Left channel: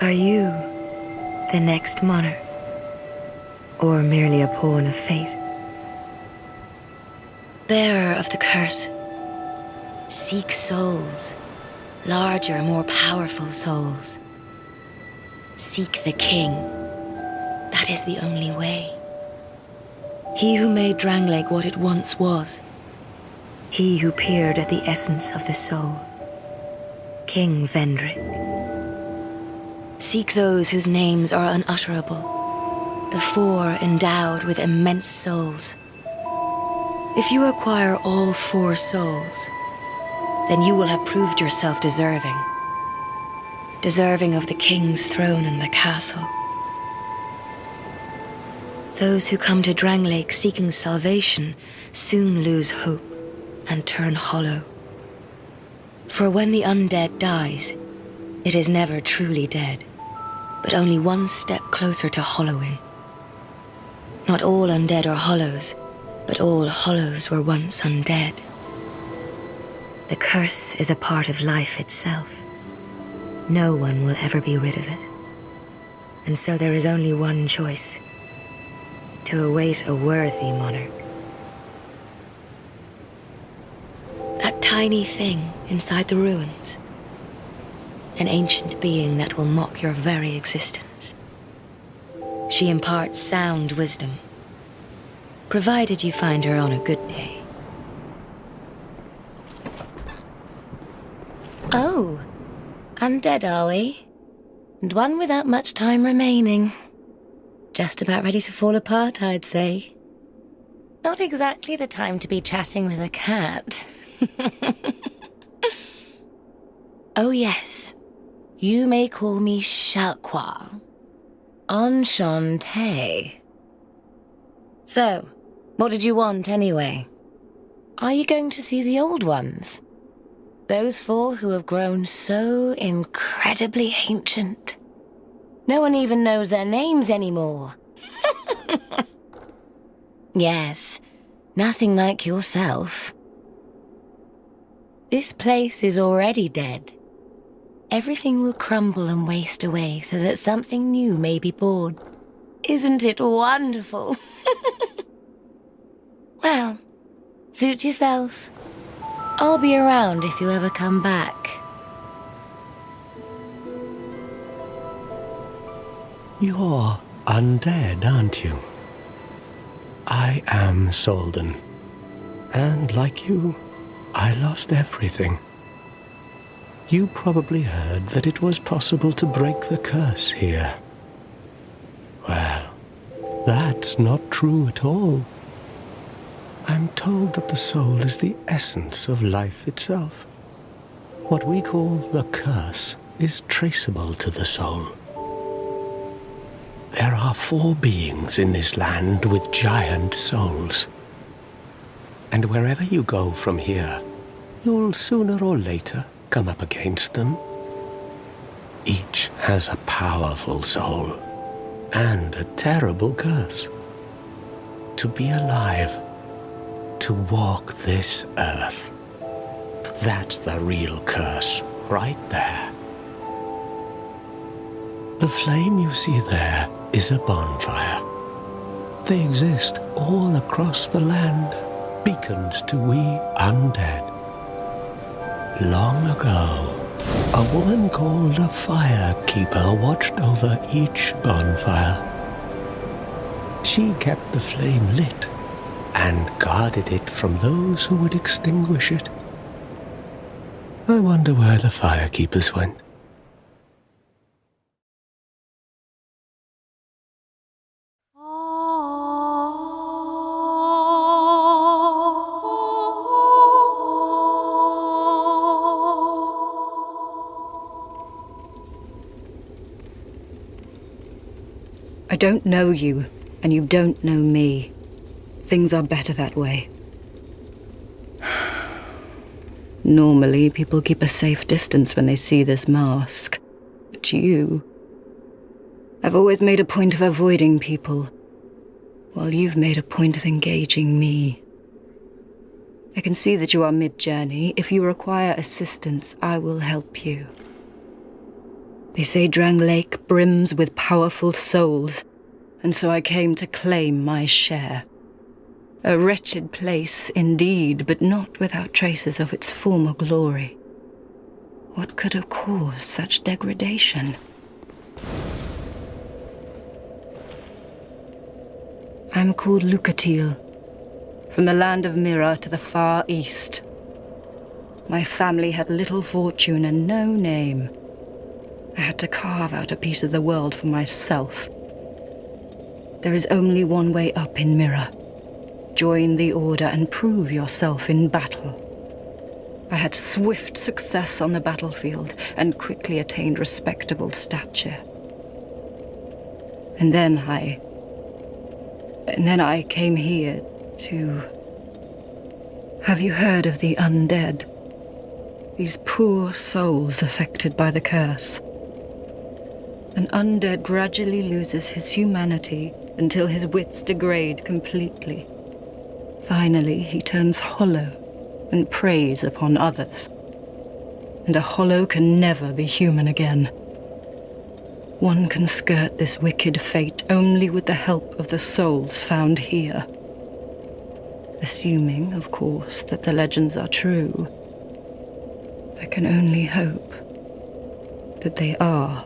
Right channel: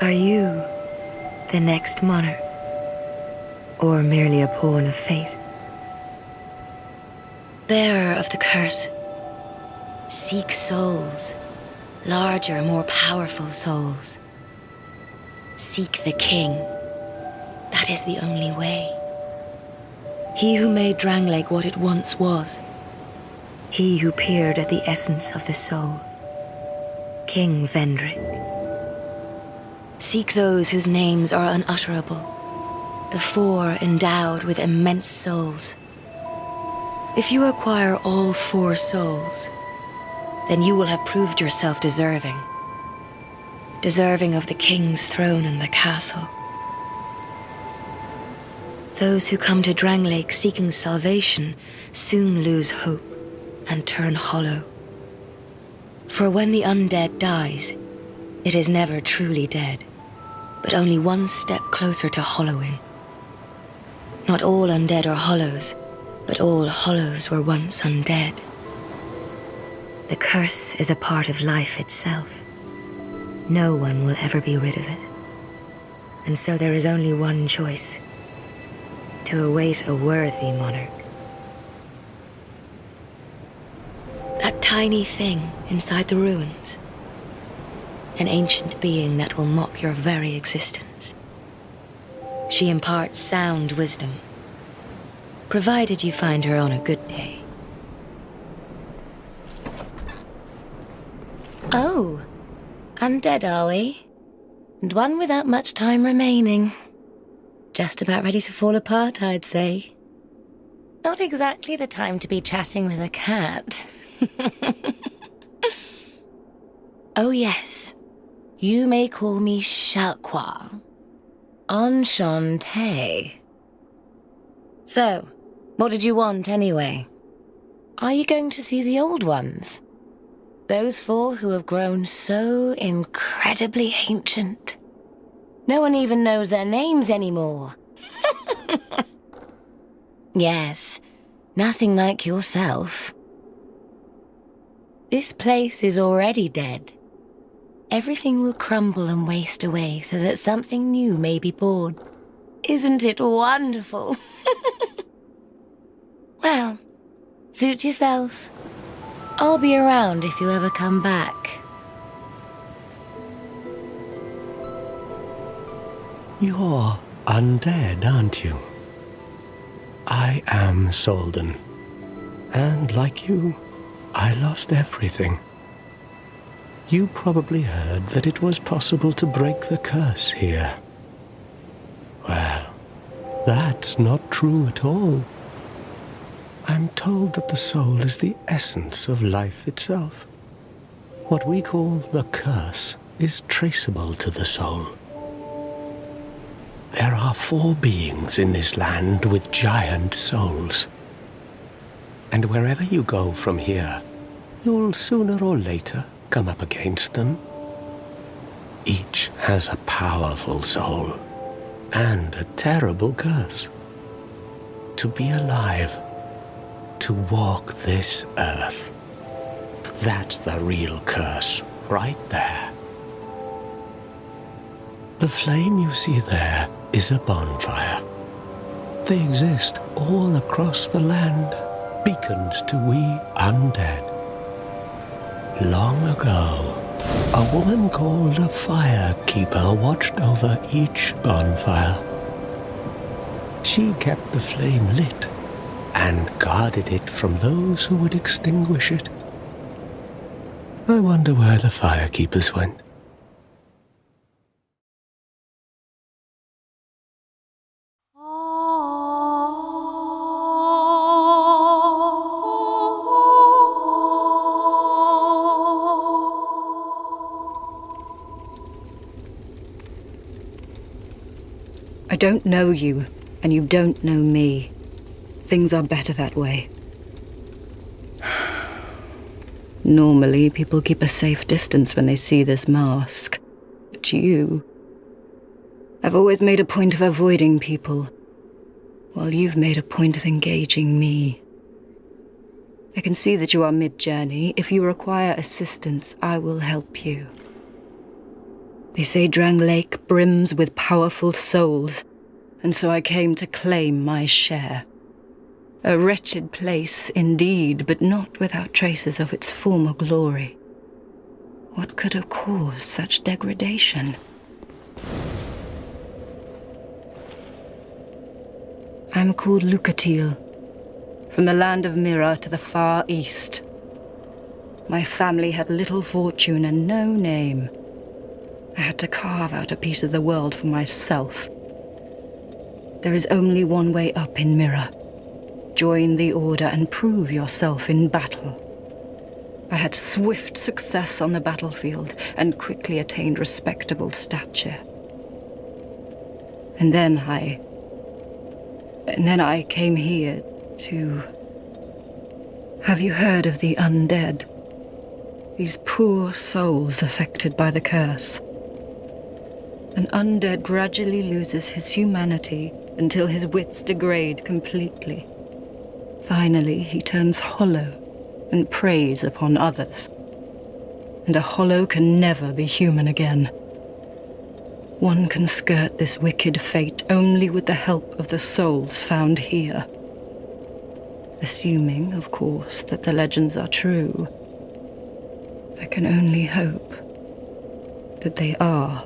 Are you the next monarch? Or merely a pawn of fate? Bearer of the curse, seek souls, larger, more powerful souls. Seek the king. That is the only way. He who made Drangleic what it once was. He who peered at the essence of the soul. King Vendrick. Seek those whose names are unutterable. The four endowed with immense souls. If you acquire all four souls, then you will have proved yourself deserving. Deserving of the king's throne and the castle. Those who come to Drangleic seeking salvation soon lose hope and turn hollow. For when the undead dies, it is never truly dead, but only one step closer to hollowing. Not all undead are hollows, but all hollows were once undead. The curse is a part of life itself. No one will ever be rid of it. And so there is only one choice: to await a worthy monarch. That tiny thing inside the ruins. An ancient being that will mock your very existence. She imparts sound wisdom, provided you find her on a good day. Oh, undead are we? And one without much time remaining. Just about ready to fall apart, I'd say. Not exactly the time to be chatting with a cat. Oh yes, you may call me Shalqua. Enchanté. So, what did you want anyway? Are you going to see the old ones? Those four who have grown so incredibly ancient. No one even knows their names anymore. Yes, nothing like yourself. This place is already dead. Everything will crumble and waste away so that something new may be born. Isn't it wonderful? Well, suit yourself. I'll be around if you ever come back. You're undead, aren't you? I am Solden. And like you, I lost everything. You probably heard that it was possible to break the curse here. Well, that's not true at all. I'm told that the soul is the essence of life itself. What we call the curse is traceable to the soul. There are 4 beings in this land with giant souls. And wherever you go from here, you'll sooner or later come up against them. Each has a powerful soul and a terrible curse. To be alive, to walk this earth, that's the real curse right there. The flame you see there is a bonfire. They exist all across the land, beacons to we undead. Long ago, a woman called a firekeeper watched over each bonfire. She kept the flame lit and guarded it from those who would extinguish it. I wonder where the firekeepers went. I don't know you, and you don't know me. Things are better that way. Normally, people keep a safe distance when they see this mask. But you... I've always made a point of avoiding people, while you've made a point of engaging me. I can see that you are mid-journey. If you require assistance, I will help you. They say Drang Lake brims with powerful souls, and so I came to claim my share. A wretched place indeed, but not without traces of its former glory. What could have caused such degradation? I'm called Lucatil, from the land of Mira to the far east. My family had little fortune and no name. I had to carve out a piece of the world for myself. There is only one way up in Mira. Join the Order and prove yourself in battle. I had swift success on the battlefield and quickly attained respectable stature. And then I came here to... Have you heard of the undead? These poor souls affected by the curse. An undead gradually loses his humanity until his wits degrade completely. Finally, he turns hollow and preys upon others. And a hollow can never be human again. One can skirt this wicked fate only with the help of the souls found here. Assuming, of course, that the legends are true. I can only hope that they are.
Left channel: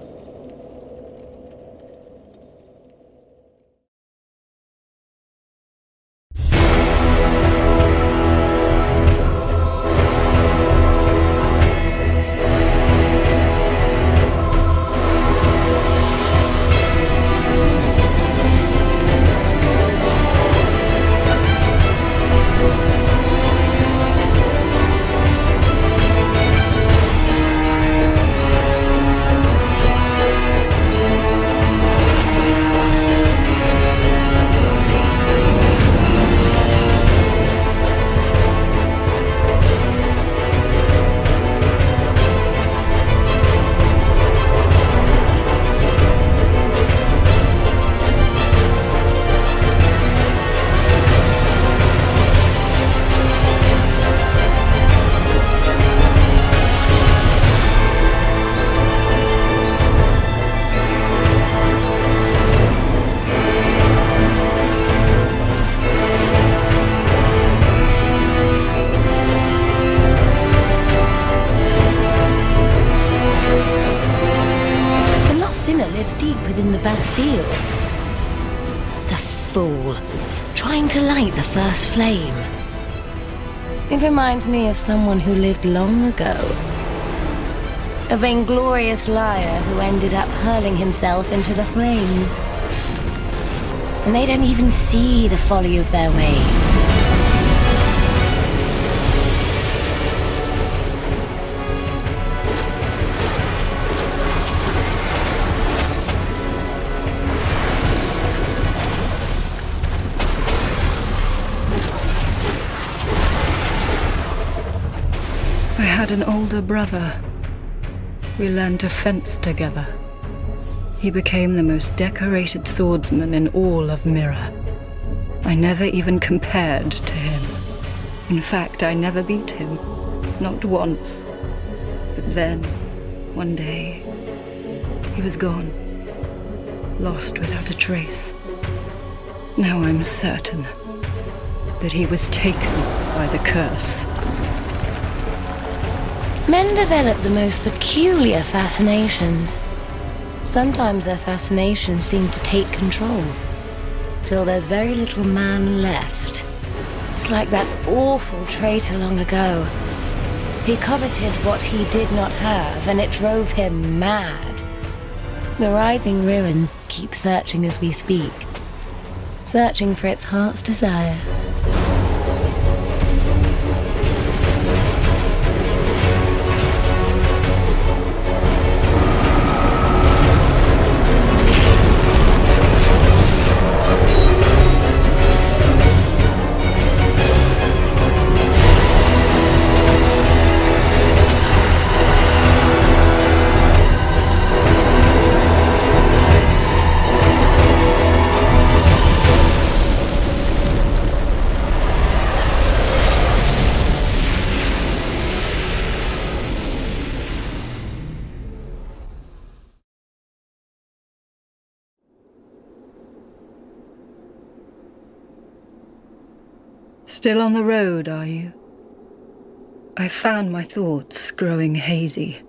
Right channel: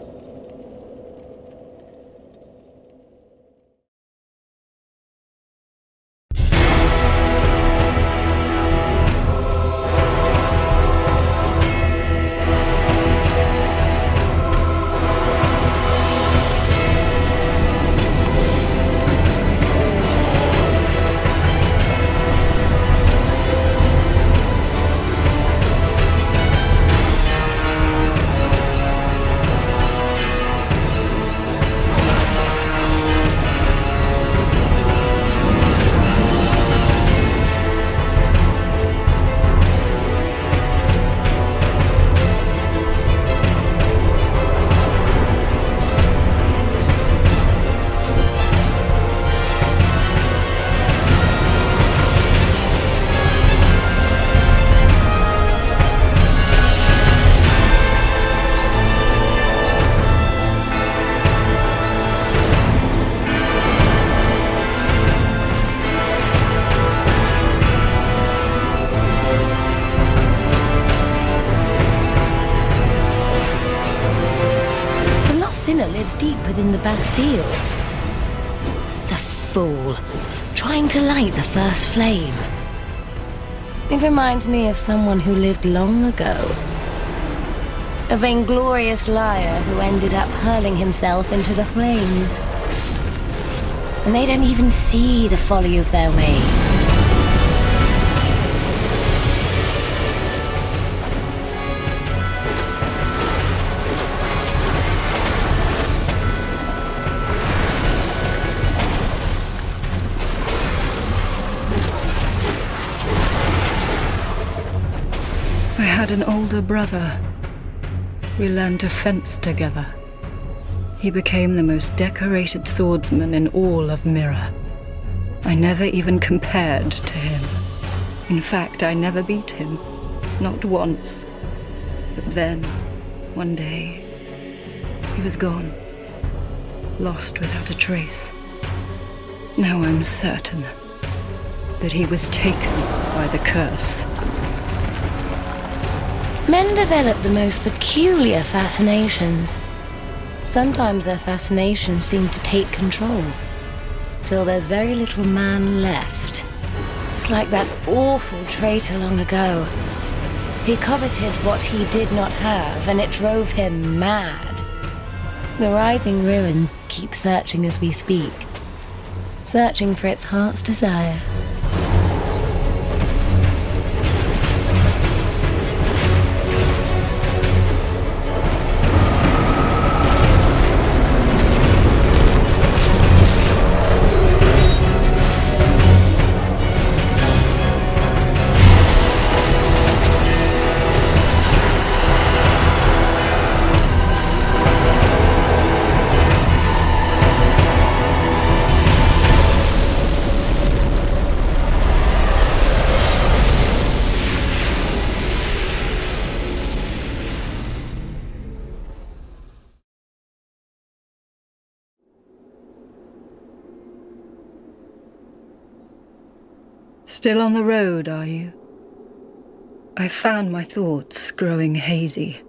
Lives deep within the Bastille. The fool, trying to light the first flame. It reminds me of someone who lived long ago. A vainglorious liar who ended up hurling himself into the flames. And they don't even see the folly of their ways. I had an older brother. We learned to fence together. He became the most decorated swordsman in all of Mira. I never even compared to him. In fact, I never beat him. Not once. But then, one day, he was gone. Lost without a trace. Now I'm certain that he was taken by the curse. Men develop the most peculiar fascinations. Sometimes their fascinations seem to take control, till there's very little man left. It's like that awful traitor long ago. He coveted what he did not have, and it drove him mad. The writhing ruin keeps searching as we speak, searching for its heart's desire. Still on the road, are you? I've found my thoughts growing hazy.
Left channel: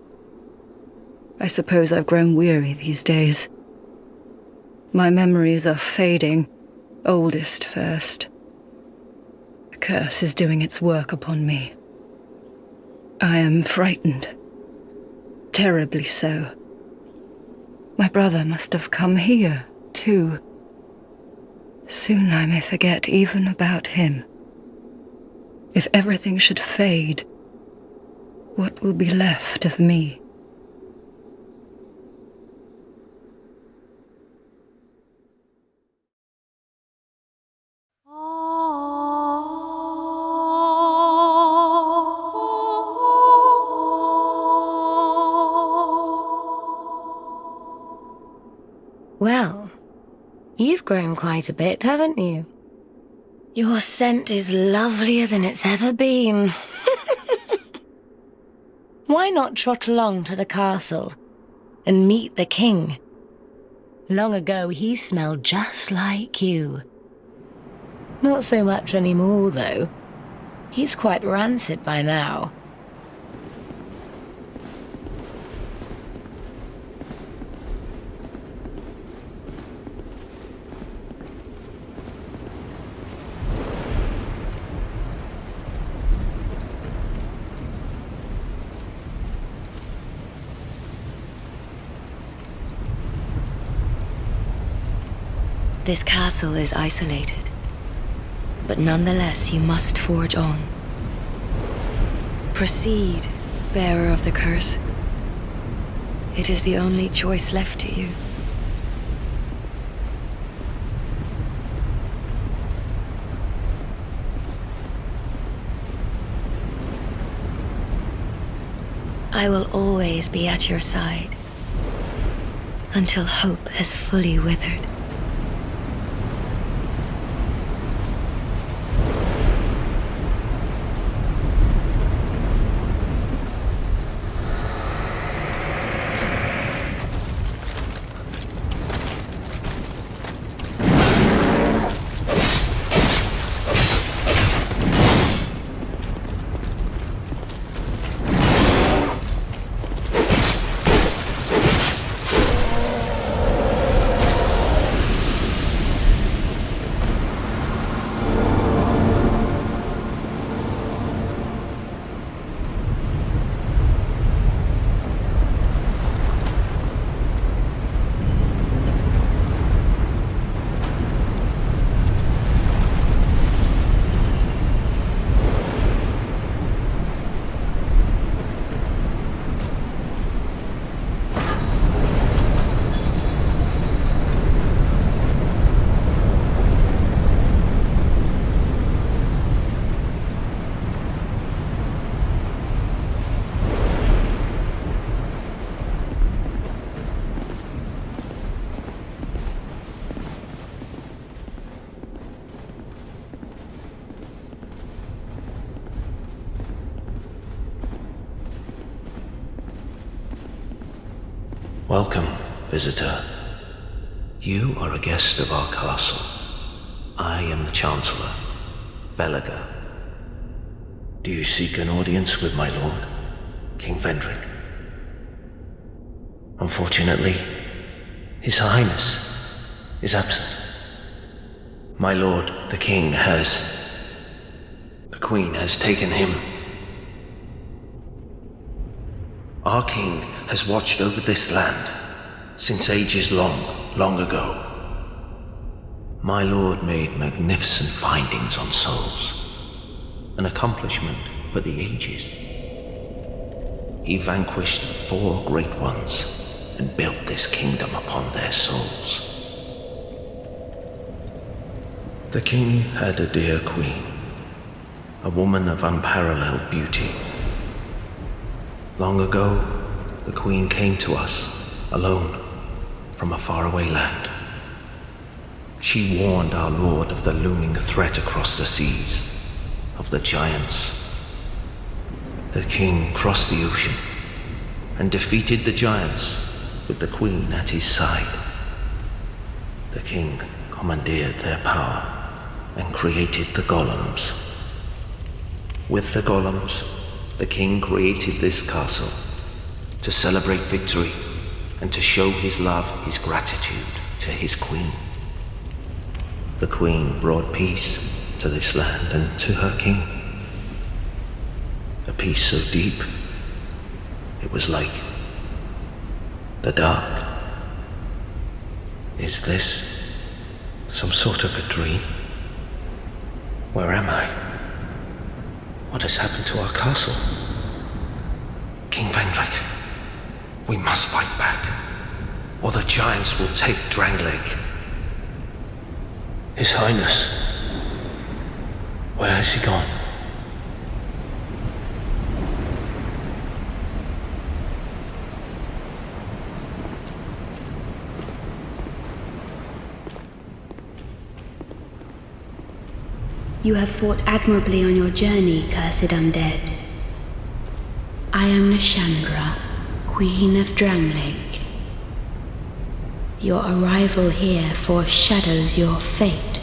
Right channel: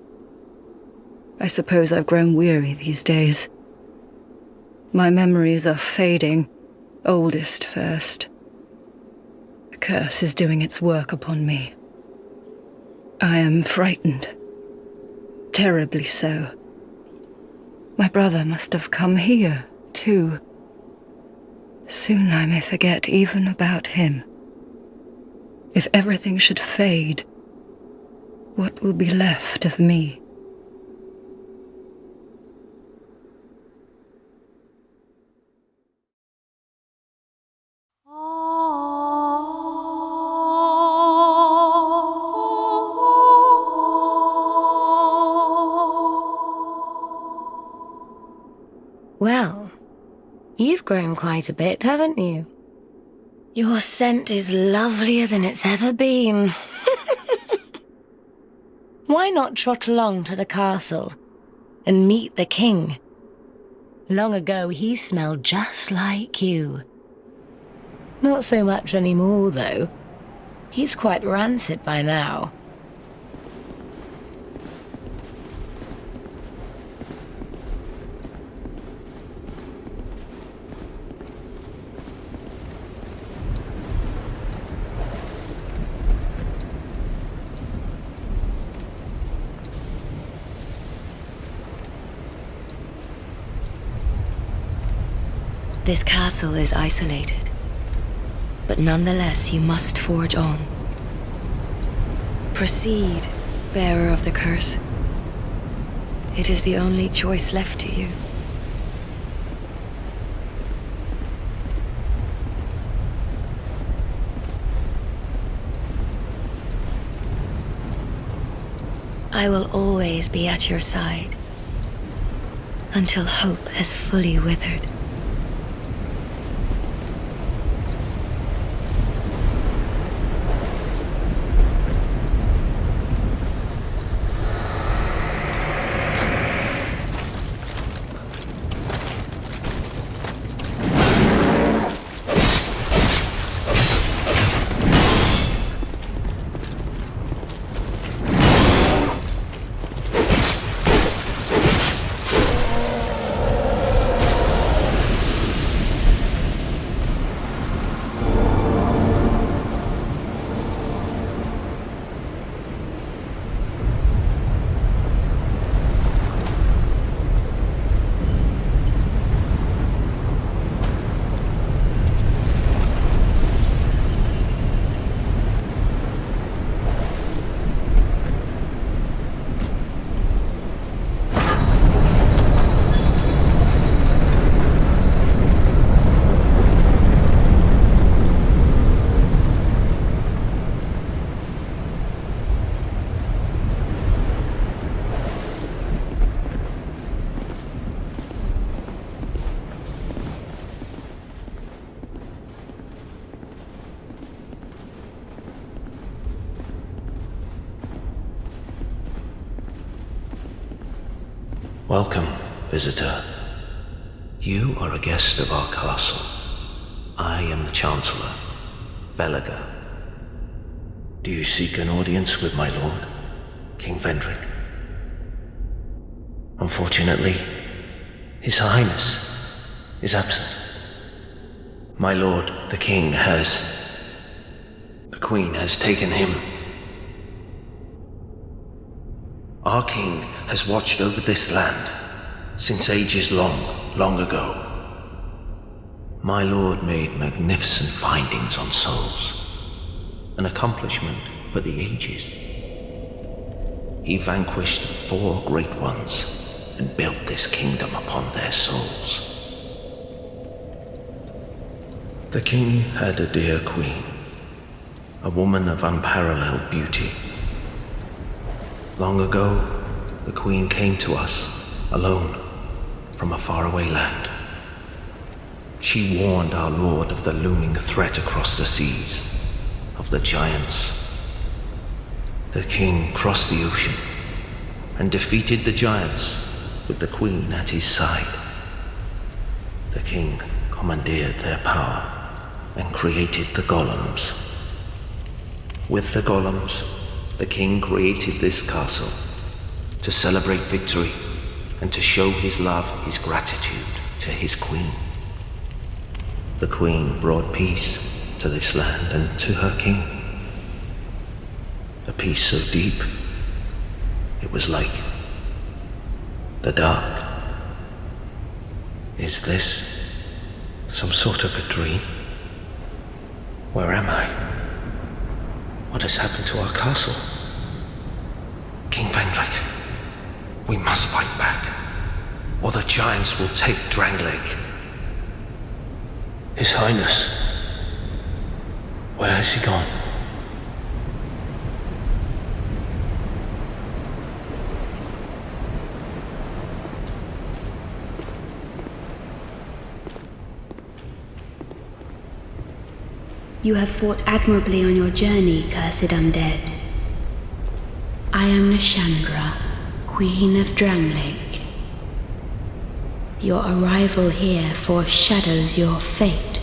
I suppose I've grown weary these days. My memories are fading, oldest first. The curse is doing its work upon me. I am frightened. Terribly so. My brother must have come here, too. Soon I may forget even about him. If everything should fade, what will be left of me? Well, you've grown quite a bit, haven't you? Your scent is lovelier than it's ever been. Why not trot along to the castle and meet the king? Long ago, he smelled just like you. Not so much anymore, though. He's quite rancid by now. This castle is isolated, but nonetheless you must forge on. Proceed, bearer of the curse. It is the only choice left to you. I will always be at your side, until hope has fully withered. Welcome, visitor. You are a guest of our castle. I am the Chancellor, Velaga. Do you seek an audience with my lord, King Vendrick? Unfortunately, His Highness is absent. My lord, the King, the Queen has taken him. Our king has watched over this land since ages long ago. My lord made magnificent findings on souls, an accomplishment for the ages. He vanquished the 4 great ones and built this kingdom upon their souls. The king had a dear queen, a woman of unparalleled beauty. Long ago, the Queen came to us, alone, from a faraway land. She warned our lord of the looming threat across the seas, of the giants. The king crossed the ocean and defeated the giants with the Queen at his side. The king commandeered their power and created the golems With the golems, the king created this castle to celebrate victory and to show his love, his gratitude to his queen. The queen brought peace to this land and to her king. A peace so deep, it was like the dark. Is this some sort of a dream? Where am I? What has happened to our castle? King Vendrick, we must fight back, or the giants will take Drangleic. His Highness, where has he gone? You have fought admirably on your journey, cursed undead. I am Nashandra, Queen of Drangleic. Your arrival here foreshadows your fate.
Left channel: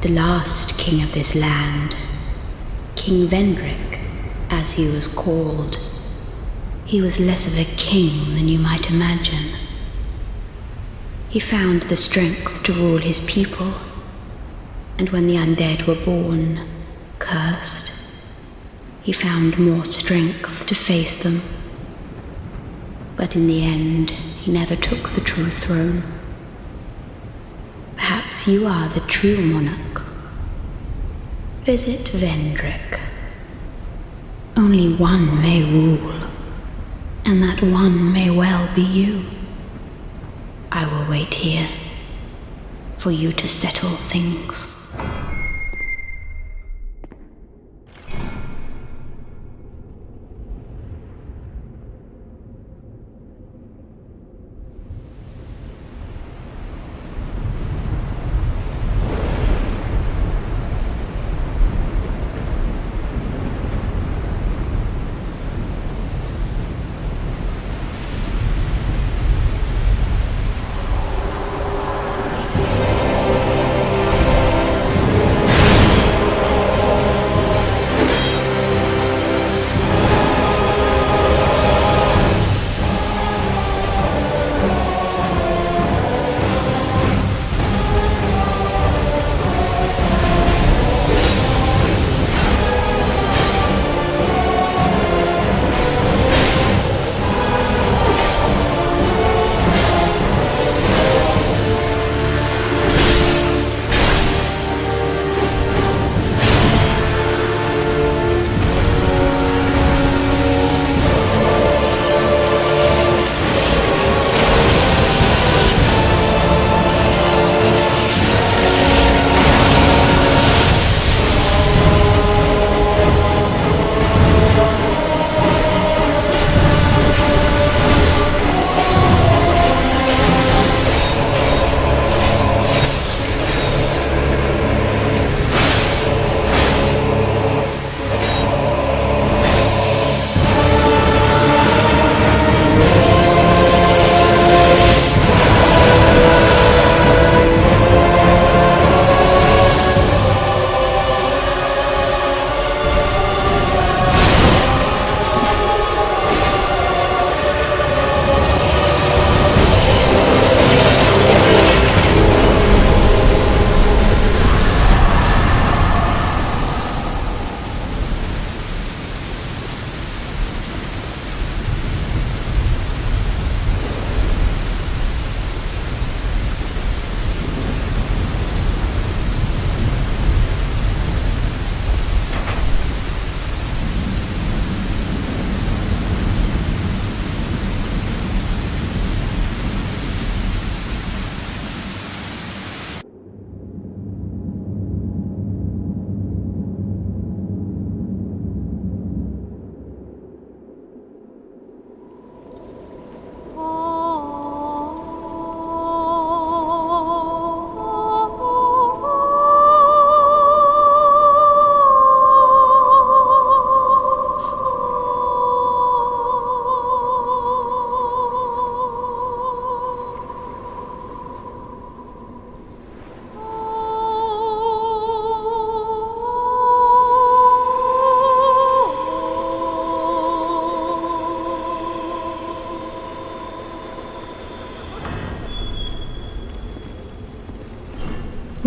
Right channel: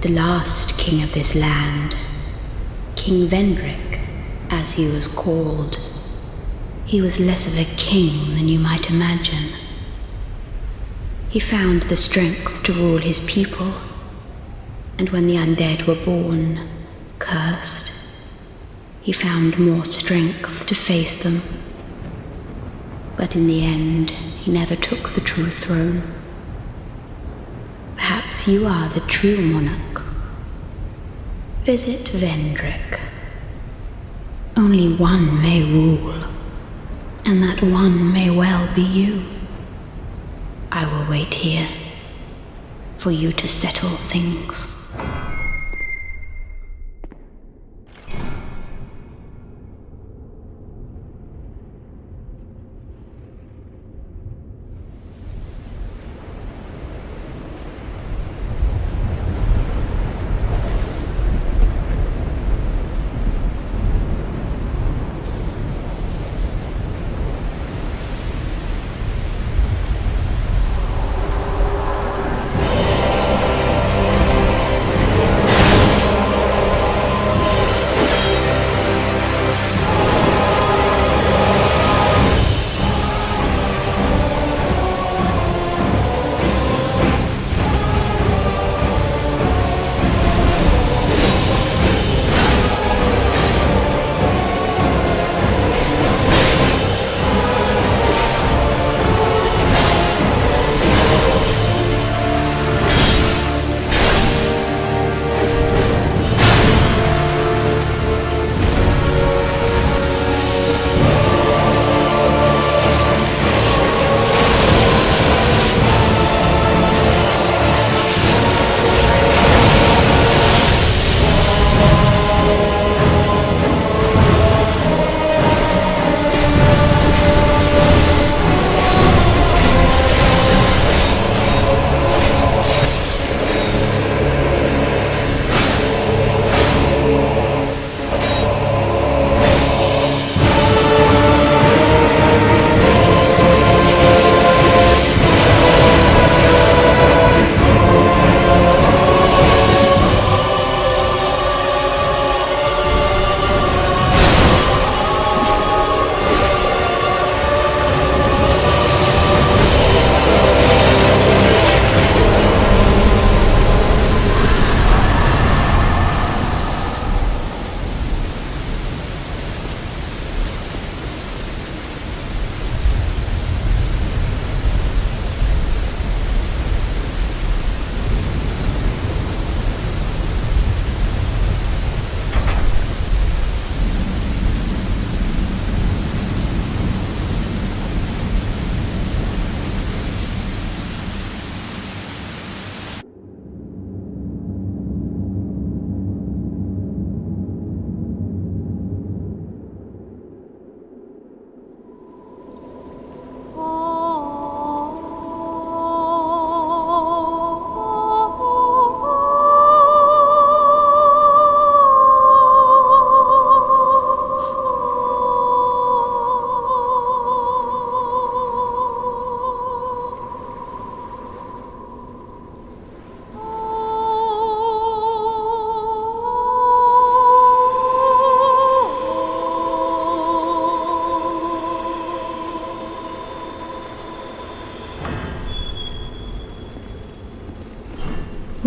The last king of this land, King Vendrick, as he was called, he was less of a king than you might imagine. He found the strength to rule his people, and when the undead were born, cursed, he found more strength to face them. But in the end, he never took the true throne. Perhaps you are the true monarch. Visit Vendrick. Only one may rule, and that one may well be you. I will wait here for you to settle things.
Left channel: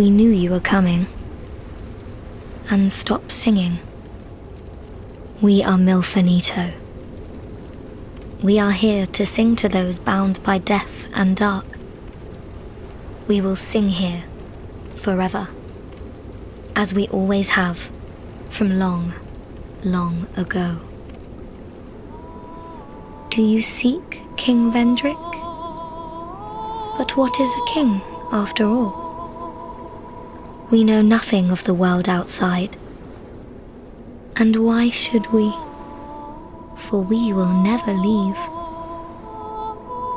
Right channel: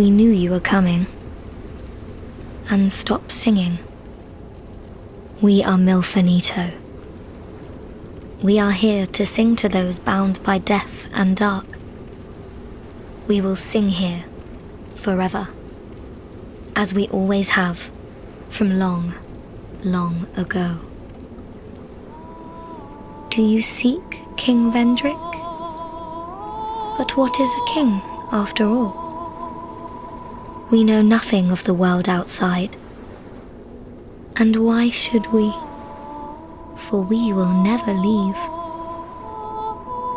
We knew you were coming. And stop singing. We are Milfanito. We are here to sing to those bound by death and dark. We will sing here forever, as we always have, from long, long ago. Do you seek King Vendrick? But what is a king, after all? We know nothing of the world outside. And why should we? For we will never leave.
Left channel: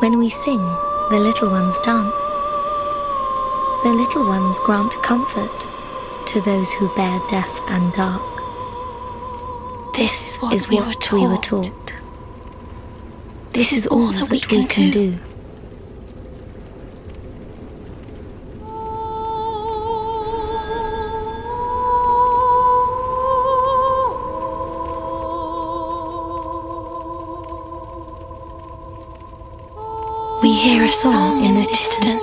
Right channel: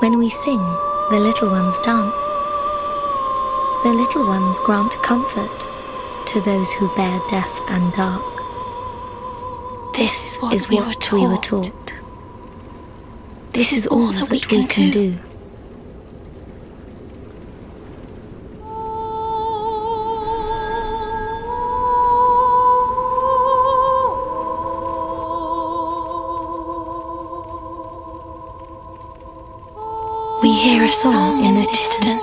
When we sing, the little ones dance. The little ones grant comfort to those who bear death and dark. This is what we were taught. This is all that we can do. We hear a song in the distance.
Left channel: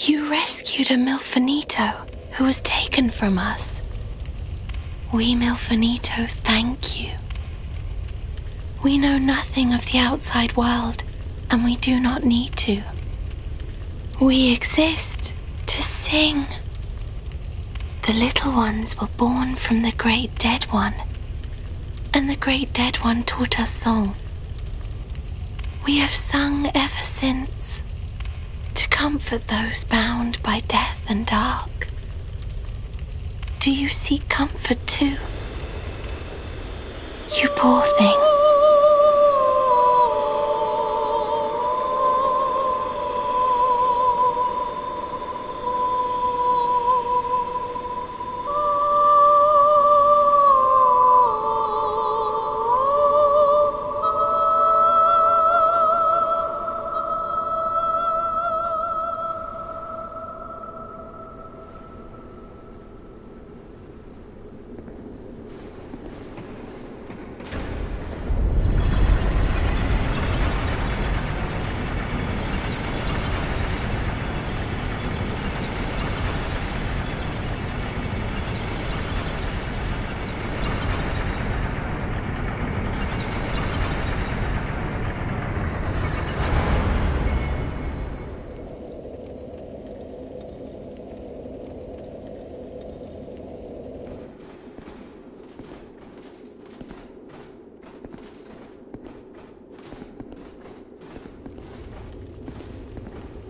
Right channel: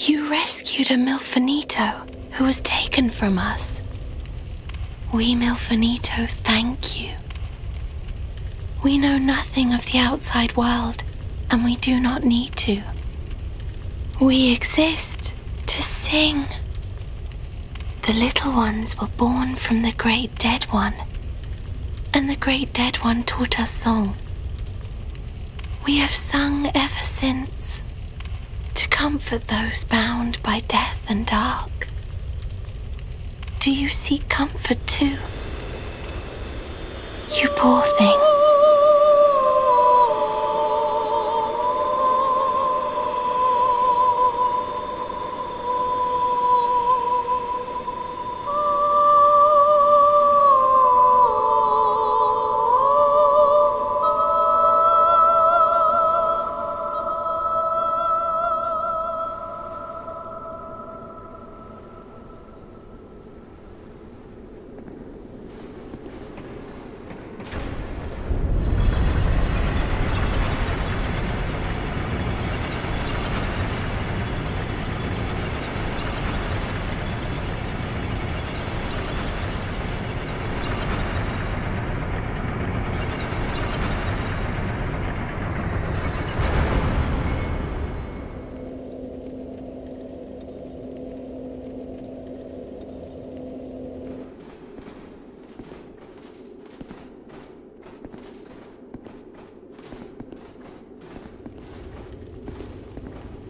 You rescued a Milfanito who was taken from us. We Milfanito thank you. We know nothing of the outside world, and we do not need to. We exist to sing. The little ones were born from the great dead one, and the great dead one taught us song. We have sung ever since, to comfort those bound by death and dark. Do you seek comfort too? You poor thing.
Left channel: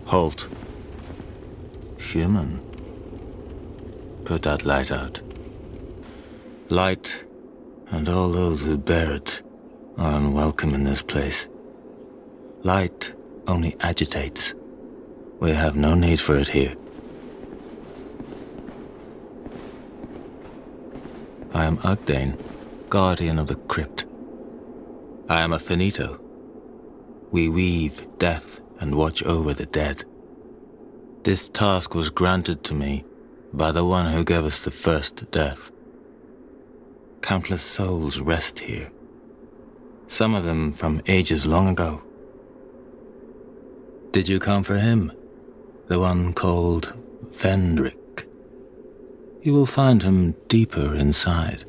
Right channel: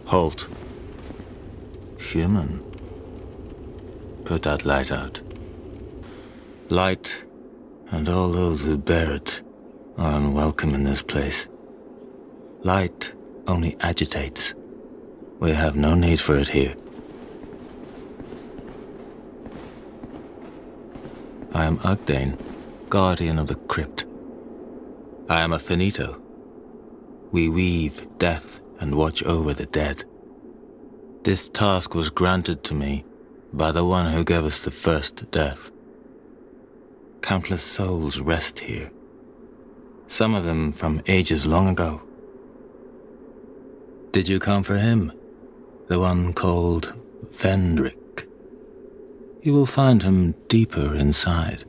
Halt. Human. Put that light out. Light, and all those who bear it, are unwelcome in this place. Light only agitates. We have no need for it here. I am Ugdane, guardian of the crypt. I am a finito. We weave death and watch over the dead. This task was granted to me by the one who gave us the first death. Countless souls rest here, some of them from ages long ago. Did you come for him, the one called Vendrick? You will find him deeper inside.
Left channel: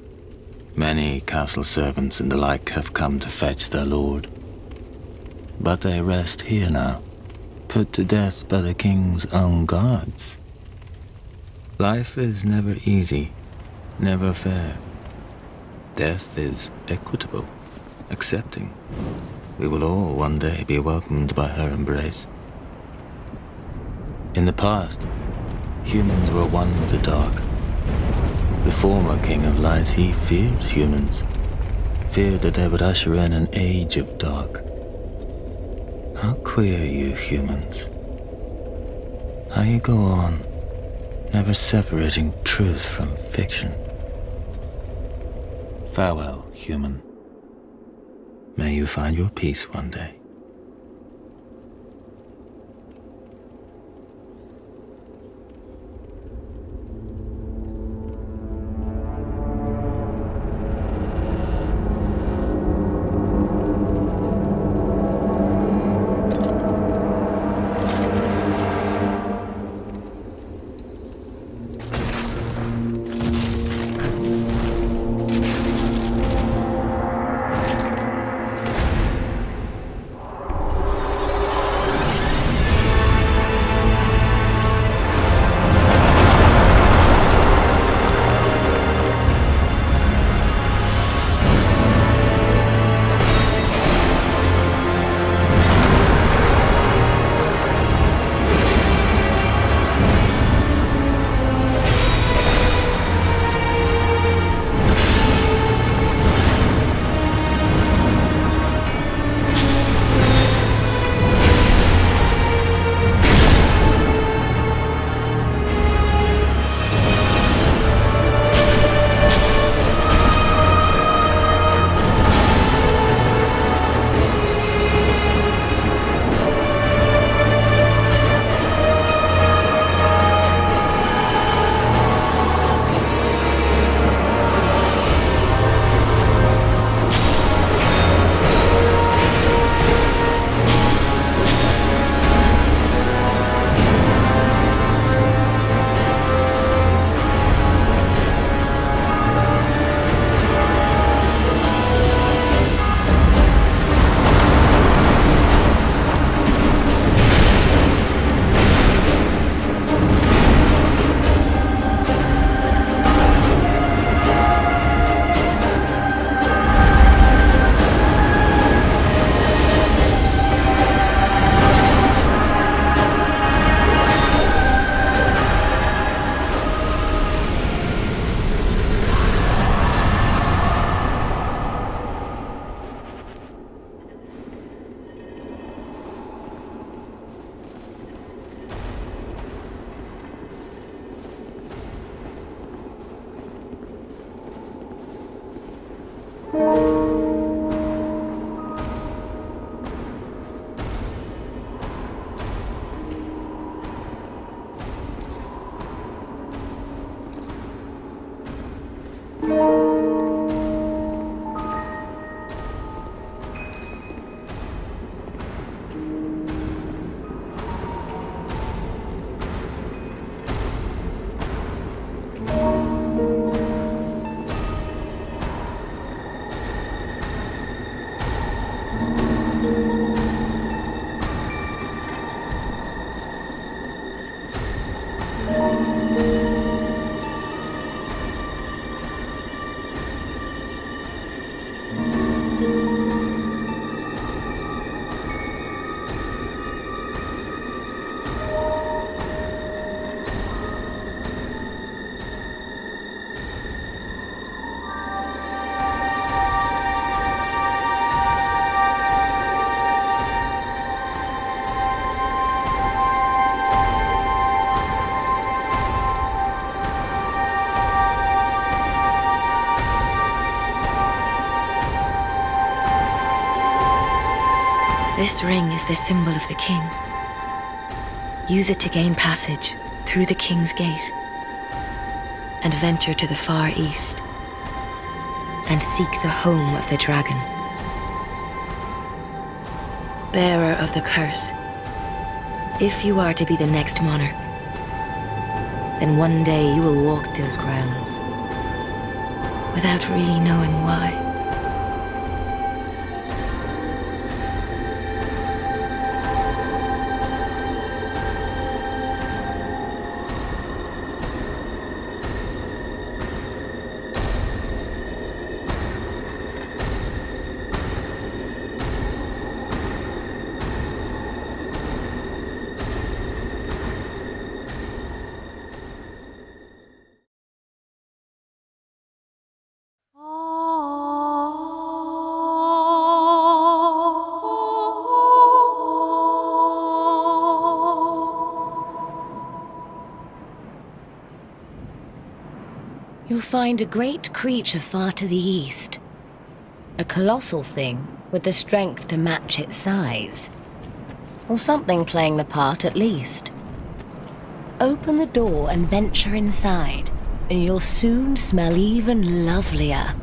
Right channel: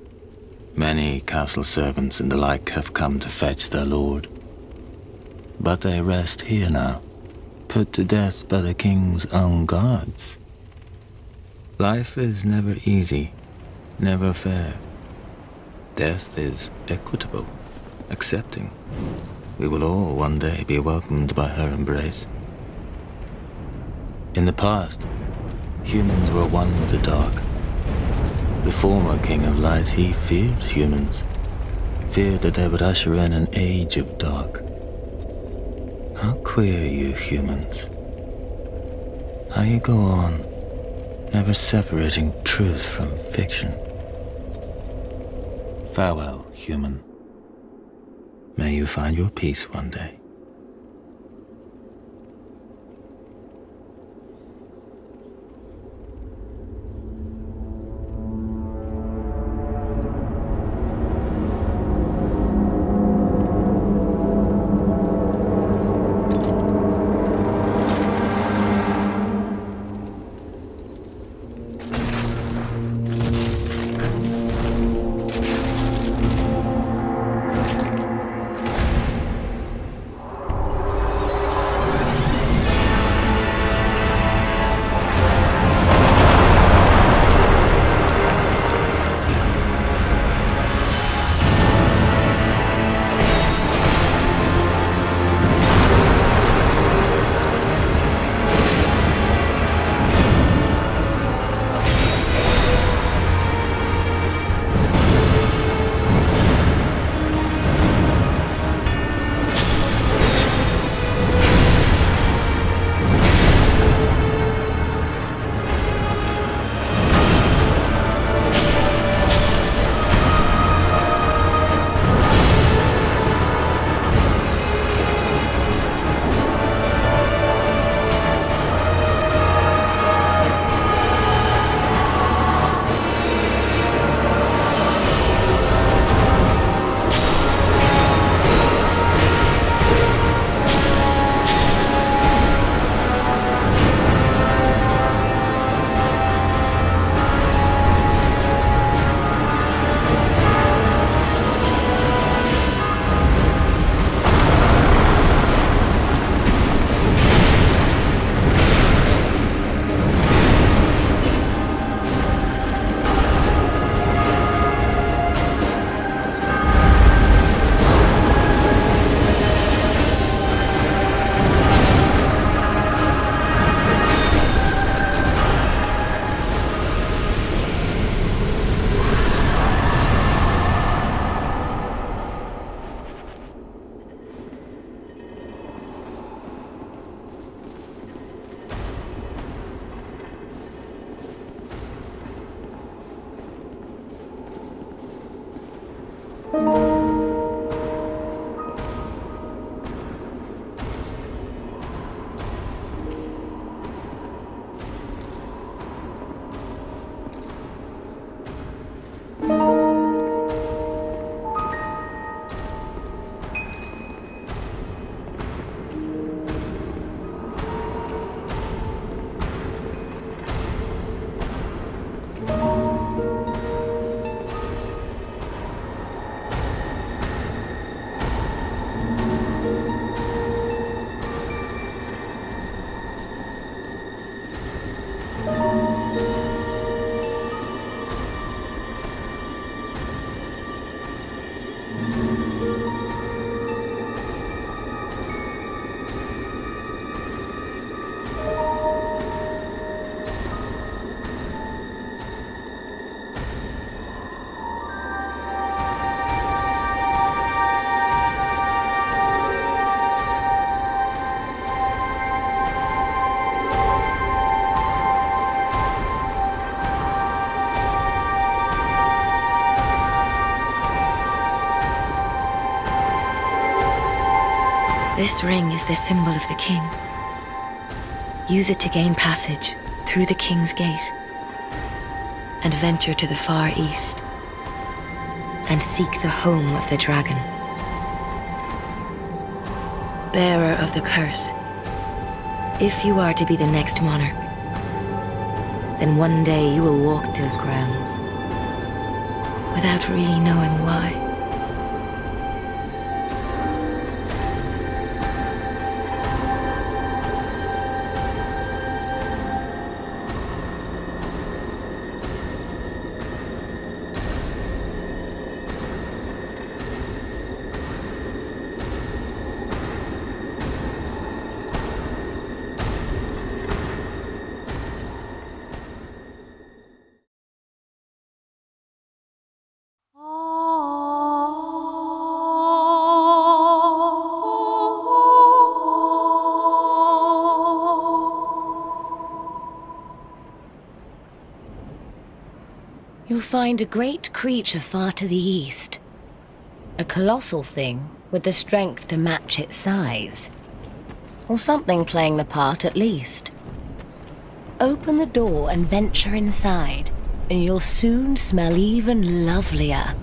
Many castle servants and the like have come to fetch their lord. But they rest here now, put to death by the king's own guards. Life is never easy, never fair. Death is equitable, accepting. We will all one day be welcomed by her embrace. In the past, humans were one with the dark. The former King of Light, he feared humans, feared that they would usher in an age of dark. How queer you humans. How you go on, never separating truth from fiction. Farewell, human. May you find your peace one day. This ring is the symbol of the king. Use it to gain passage through the king's gate and venture to the far east and seek the home of the dragon. Bearer of the curse, if you are to be the next monarch, then one day you will walk those grounds without really knowing why. You'll find a great creature far to the east. A colossal thing with the strength to match its size. Or something playing the part at least. Open the door and venture inside, and you'll soon smell even lovelier.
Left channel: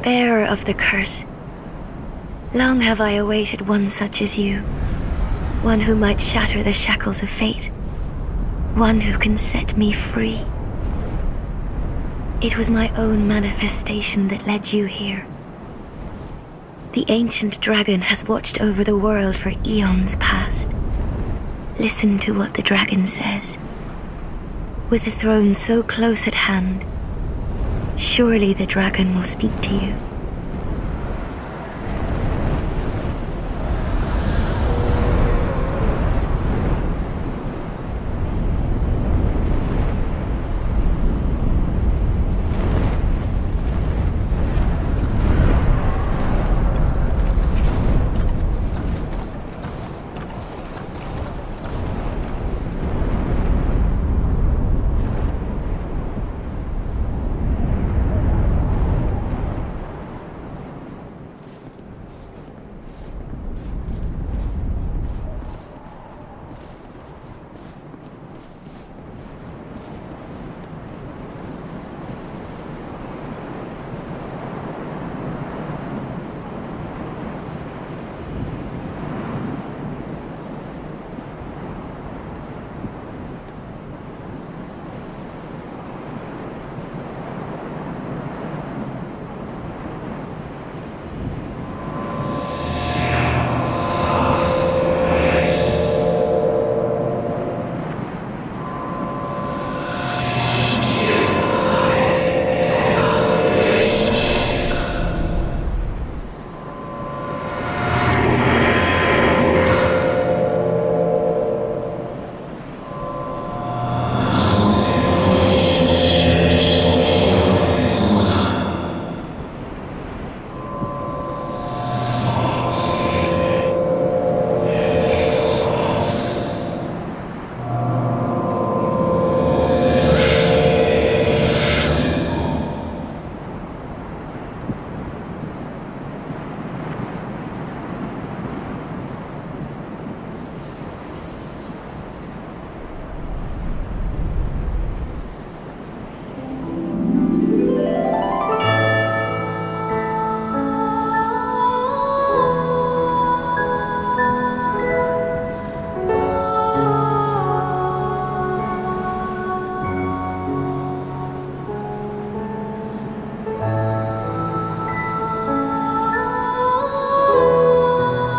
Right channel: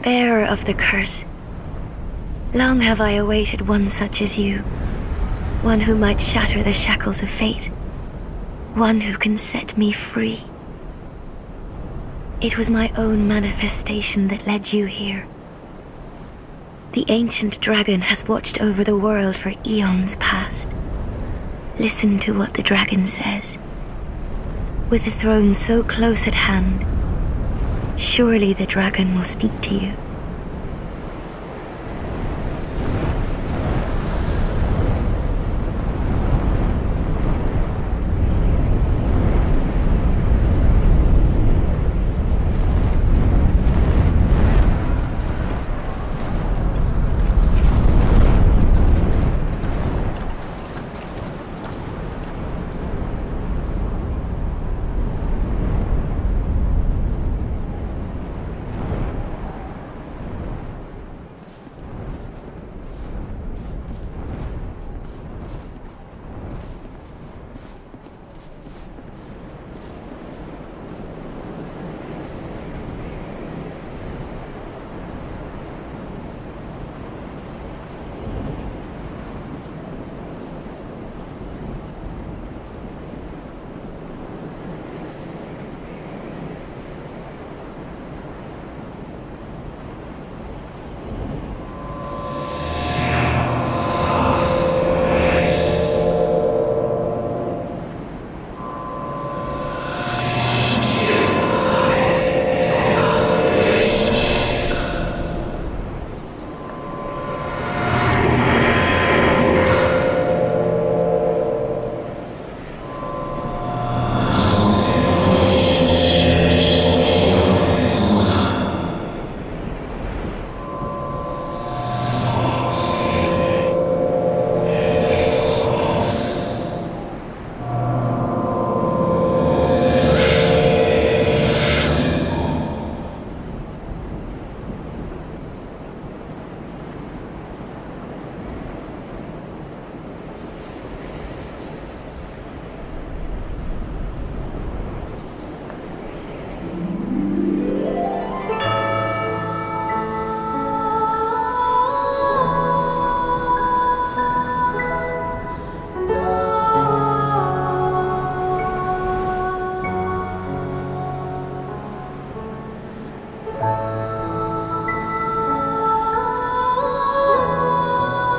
Bearer of the curse, long have I awaited one such as you, one who might shatter the shackles of fate, one who can set me free. It was my own manifestation that led you here. The ancient dragon has watched over the world for eons past. Listen to what the dragon says. With the throne so close at hand, surely the dragon will speak to you.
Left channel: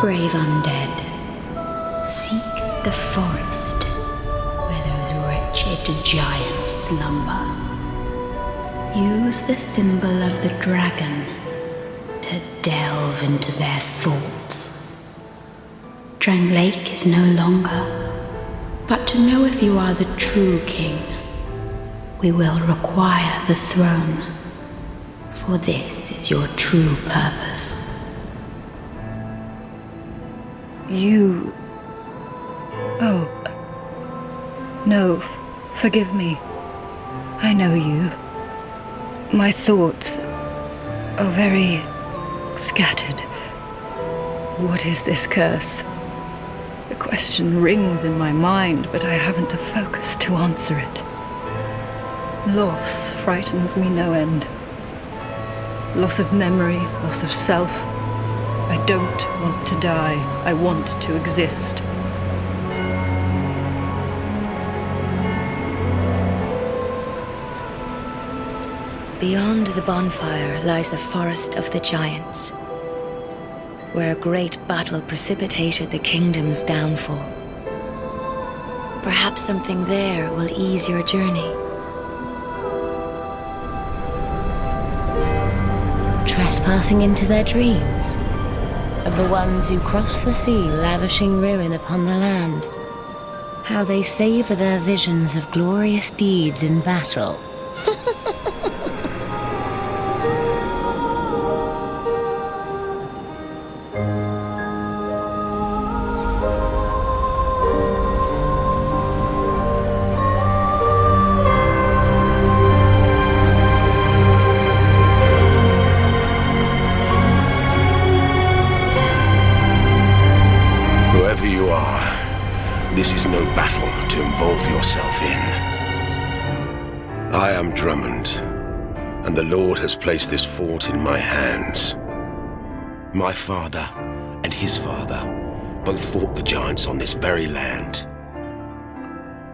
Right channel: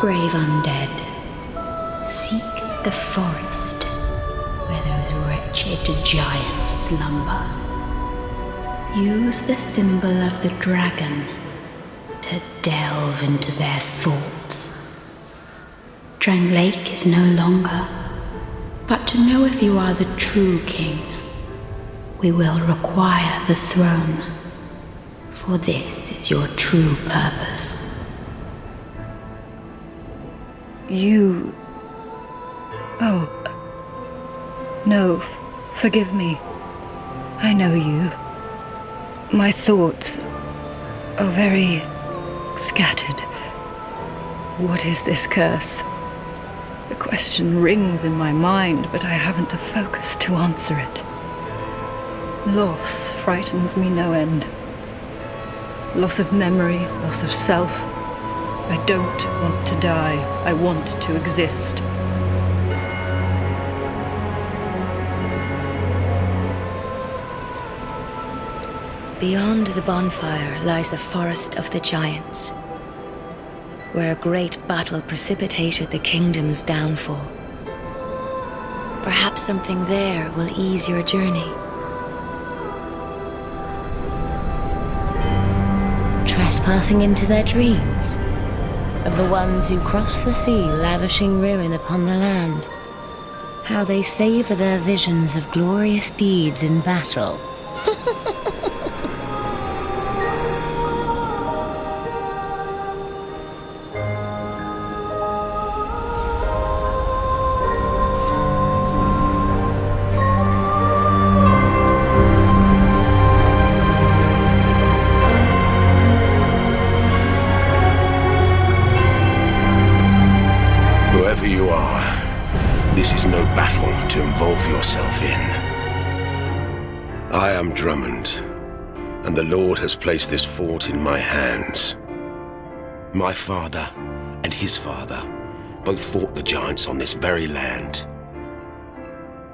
Brave undead, seek the forest where those wretched giants slumber. Use the symbol of the dragon to delve into their thoughts. Drang Lake is no longer, but to know if you are the true king, we will require the throne, for this is your true purpose. You... Oh... No, forgive me. I know you. My thoughts are very scattered. What is this curse? The question rings in my mind, but I haven't the focus to answer it. Loss frightens me no end. Loss of memory, loss of self. I don't want to die. I want to exist. Beyond the bonfire lies the forest of the giants, where a great battle precipitated the kingdom's downfall. Perhaps something there will ease your journey. Trespassing into their dreams, of the ones who cross the sea, lavishing ruin upon the land. How they savor their visions of glorious deeds in battle. Whoever you are, this is no battle to involve yourself in. I am Drummond, and the Lord has placed this fort in my hands. My father and his father both fought the giants on this very land.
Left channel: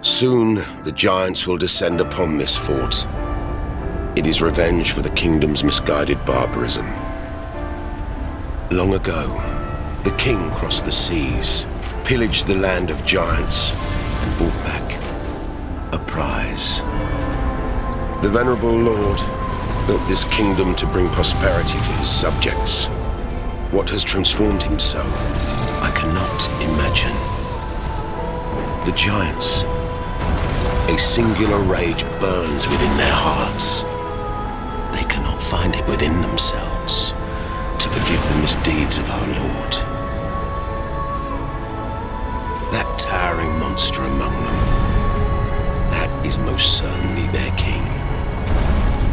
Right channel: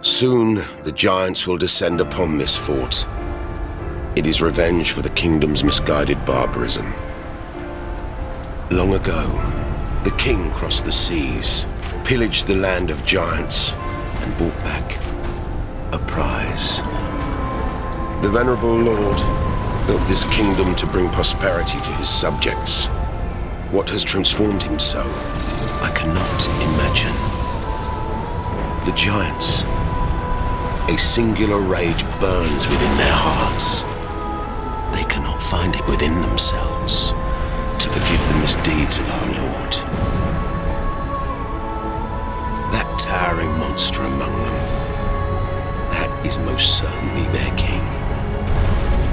Soon, the giants will descend upon this fort. It is revenge for the kingdom's misguided barbarism. Long ago, the king crossed the seas, pillaged the land of giants, and brought back a prize. The venerable lord built this kingdom to bring prosperity to his subjects. What has transformed him so, I cannot imagine. The giants, a singular rage burns within their hearts. They cannot find it within themselves to forgive the misdeeds of our Lord. That towering monster among them, that is most certainly their king.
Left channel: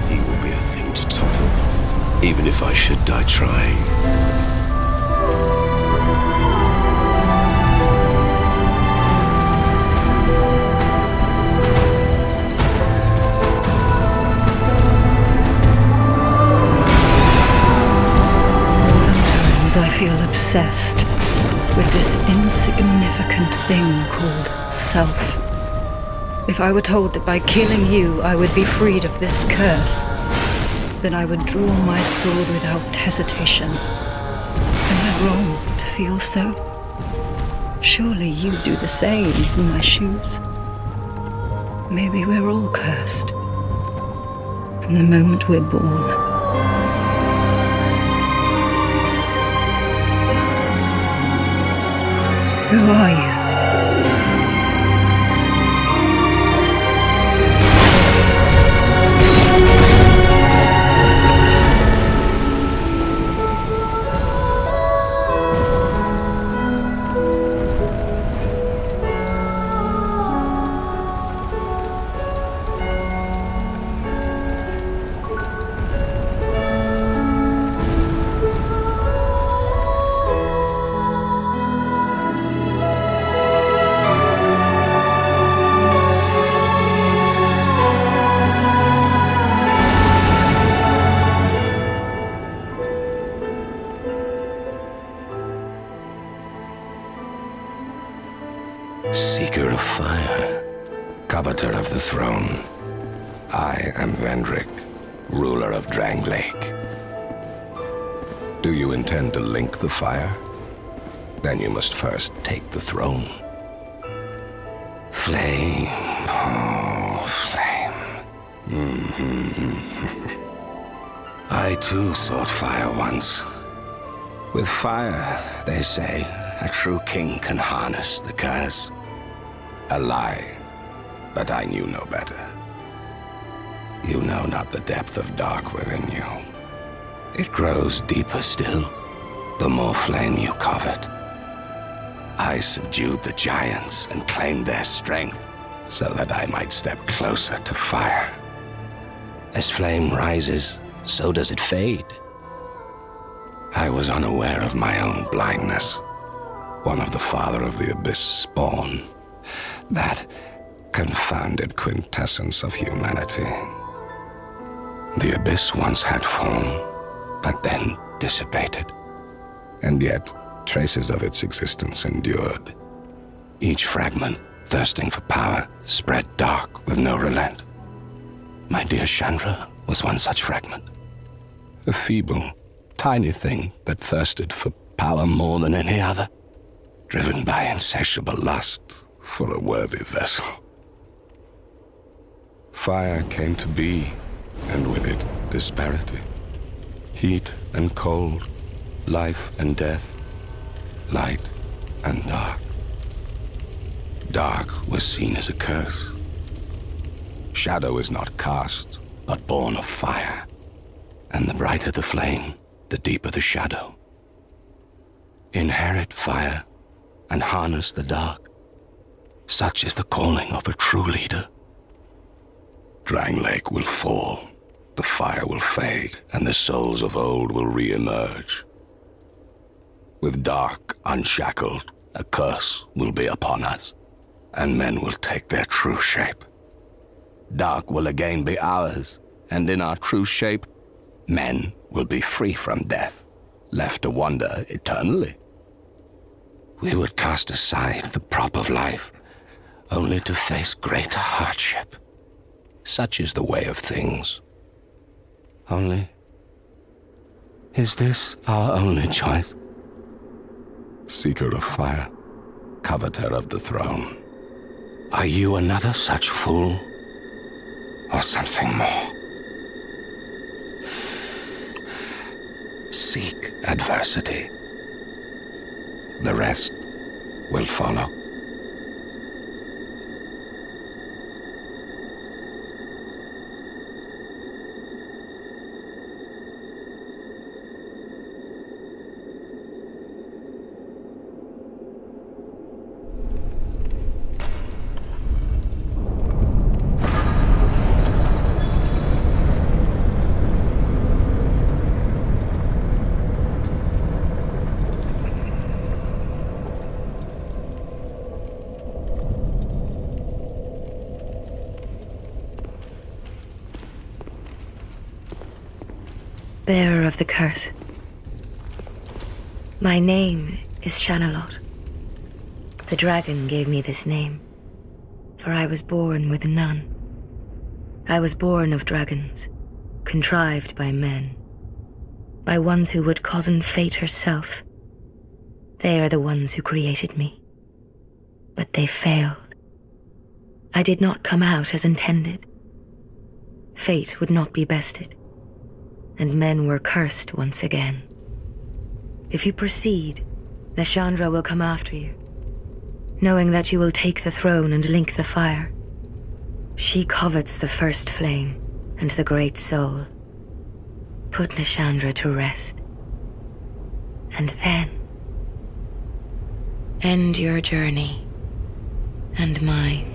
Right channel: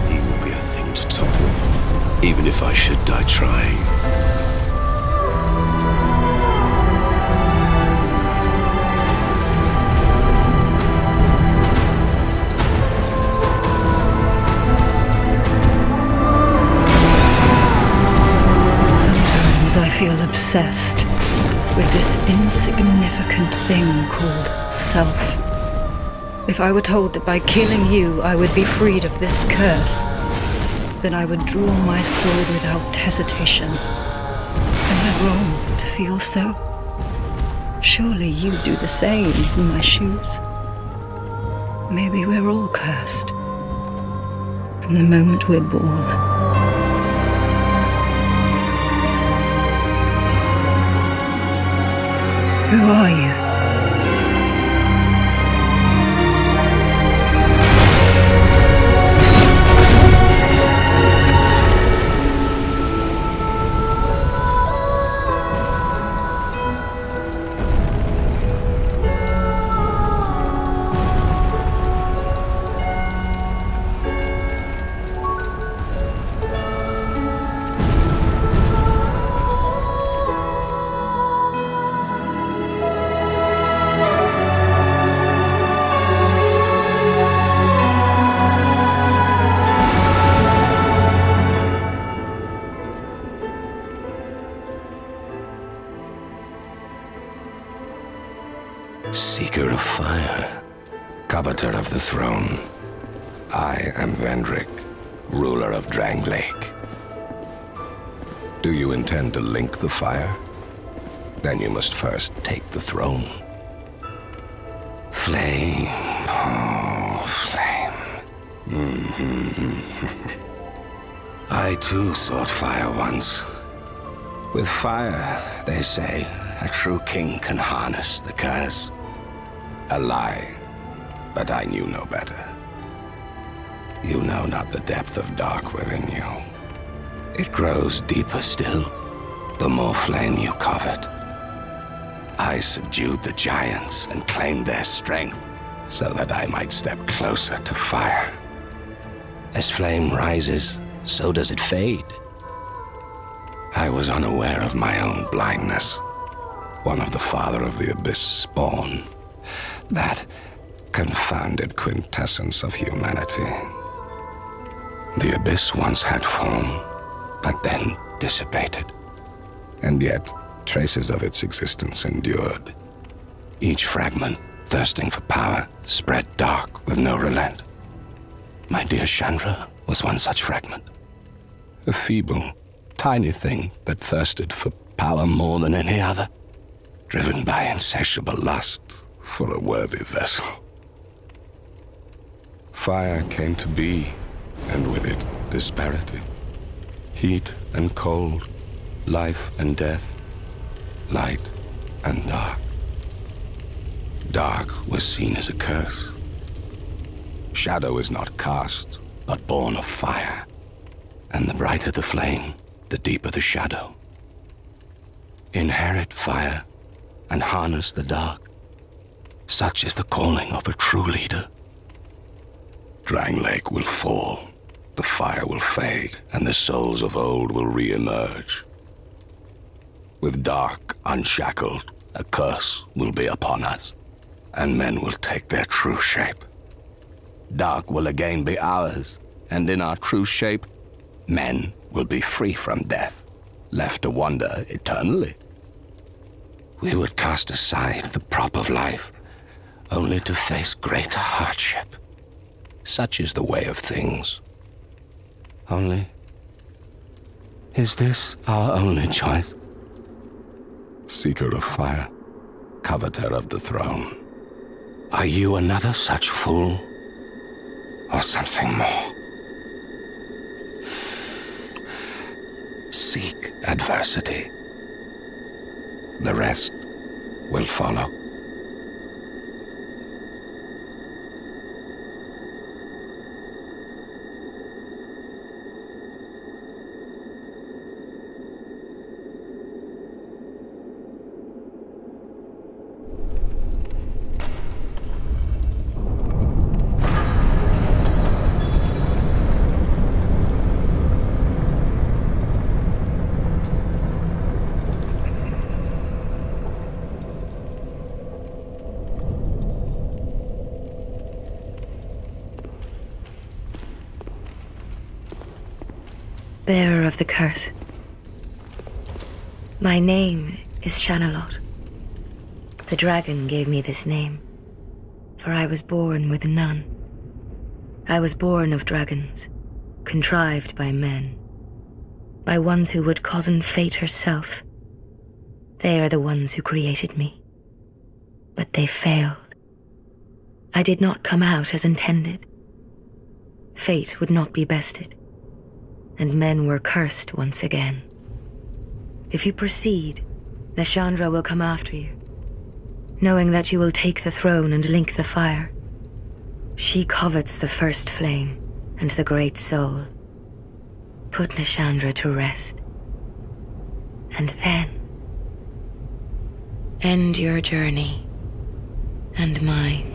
He will be a thing to topple, even if I should die trying. I feel obsessed with this insignificant thing called self. If I were told that by killing you I would be freed of this curse, then I would draw my sword without hesitation. Am I wrong to feel so? Surely you do the same in my shoes. Maybe we're all cursed from the moment we're born. Who are you? Seeker of fire, coveter of the throne. I am Vendrick, ruler of Drang Lake. Do you intend to link the fire? Then you must first take the throne. Flame, oh, flame. I too sought fire once. With fire, they say, a true king can harness the curse. A lie, but I knew no better. You know not the depth of dark within you. It grows deeper still, the more flame you covet. I subdued the giants and claimed their strength so that I might step closer to fire. As flame rises, so does it fade. I was unaware of my own blindness, one of the father of the abyss spawn, that confounded quintessence of humanity. The abyss once had form, but then dissipated, and yet traces of its existence endured. Each fragment, thirsting for power, spread dark with no relent. My dear Chandra was one such fragment. A feeble, tiny thing that thirsted for power more than any other, driven by insatiable lust for a worthy vessel. Fire came to be, and with it, disparity. Heat and cold, life and death, light and dark. Dark was seen as a curse. Shadow is not cast, but born of fire. And the brighter the flame, the deeper the shadow. Inherit fire and harness the dark. Such is the calling of a true leader. Drang Lake will fall, the fire will fade, and the souls of old will re-emerge. With dark unshackled, a curse will be upon us, and men will take their true shape. Dark will again be ours, and in our true shape, men will be free from death, left to wander eternally. We would cast aside the prop of life, only to face greater hardship. Such is the way of things. Only, is this our only choice? Seeker of fire, coveter of the throne, are you another such fool, or something more? Seek adversity. The rest will follow. Bearer of the curse. My name is Shanalot. The dragon gave me this name, for I was born with none. I was born of dragons, contrived by men, by ones who would cozen fate herself. They are the ones who created me. But they failed. I did not come out as intended. Fate would not be bested, and men were cursed once again. If you proceed, Nashandra will come after you, knowing that you will take the throne and link the fire. She covets the first flame and the great soul. Put Nashandra to rest, and then end your journey and mine.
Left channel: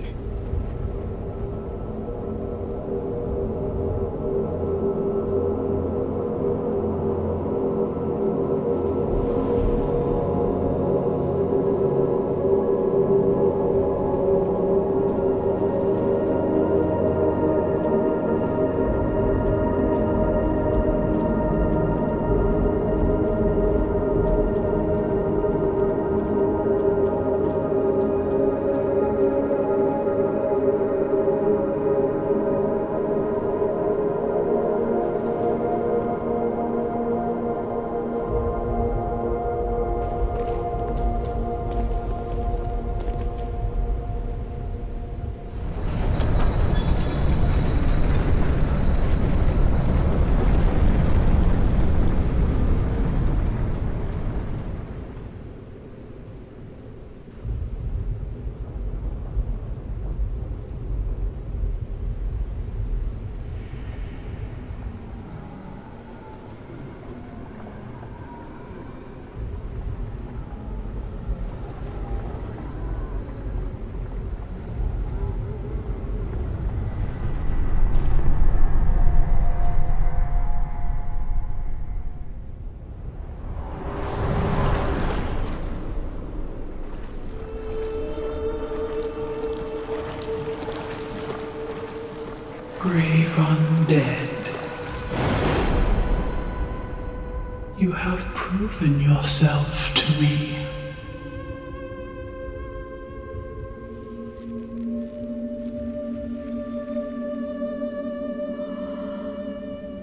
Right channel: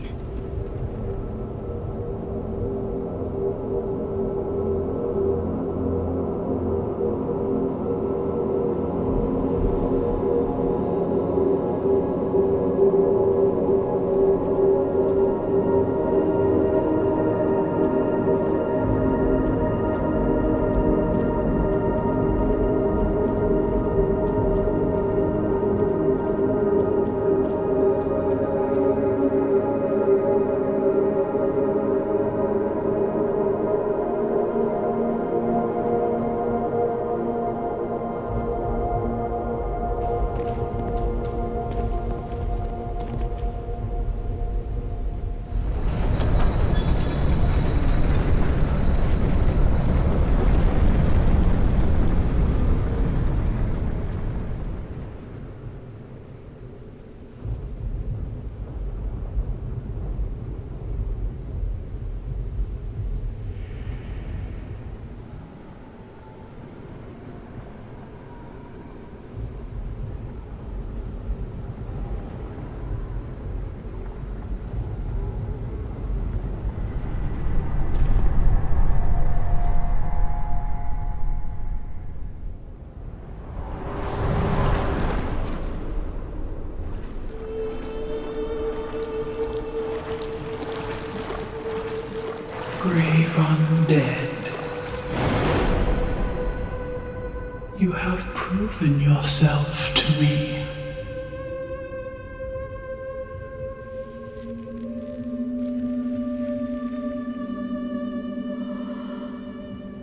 Brave undead. You have proven yourself to me.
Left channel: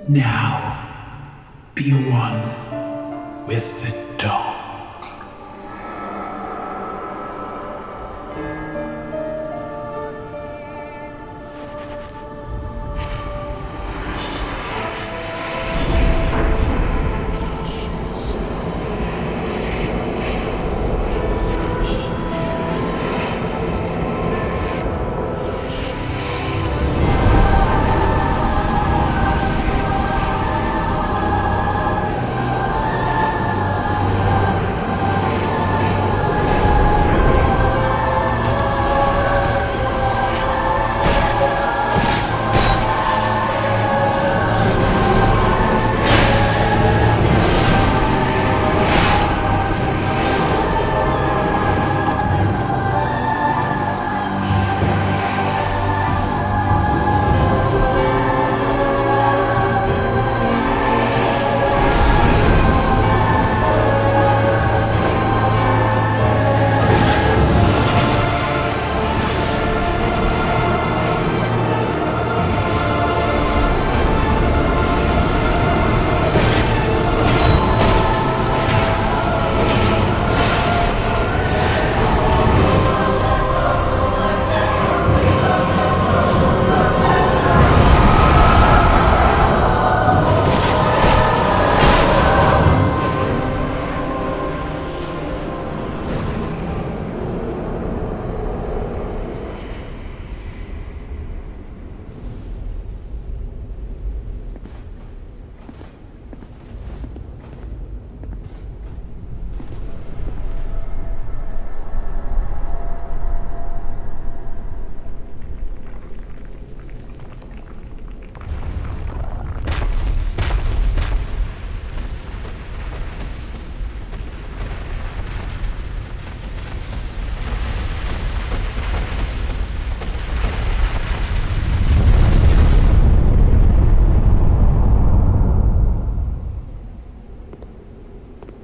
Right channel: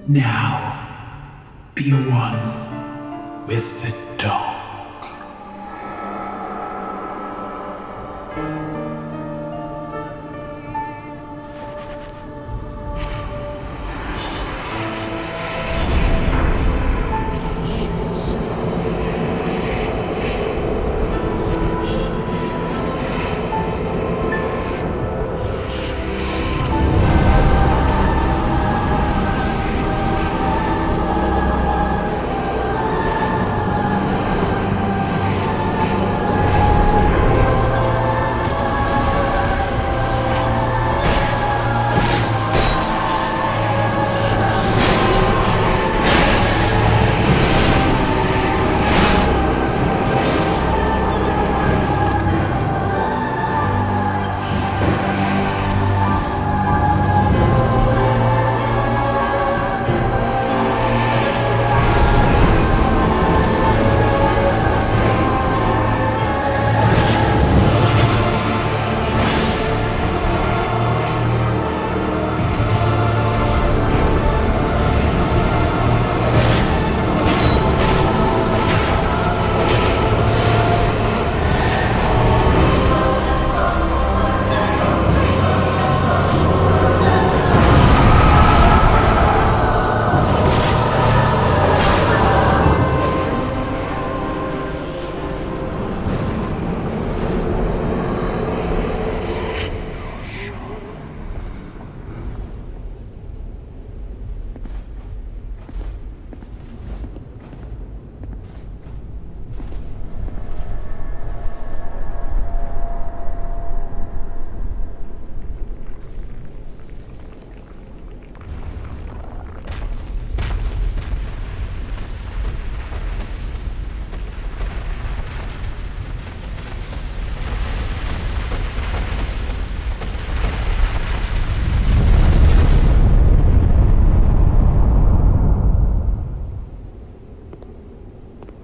Now, be one with the dark.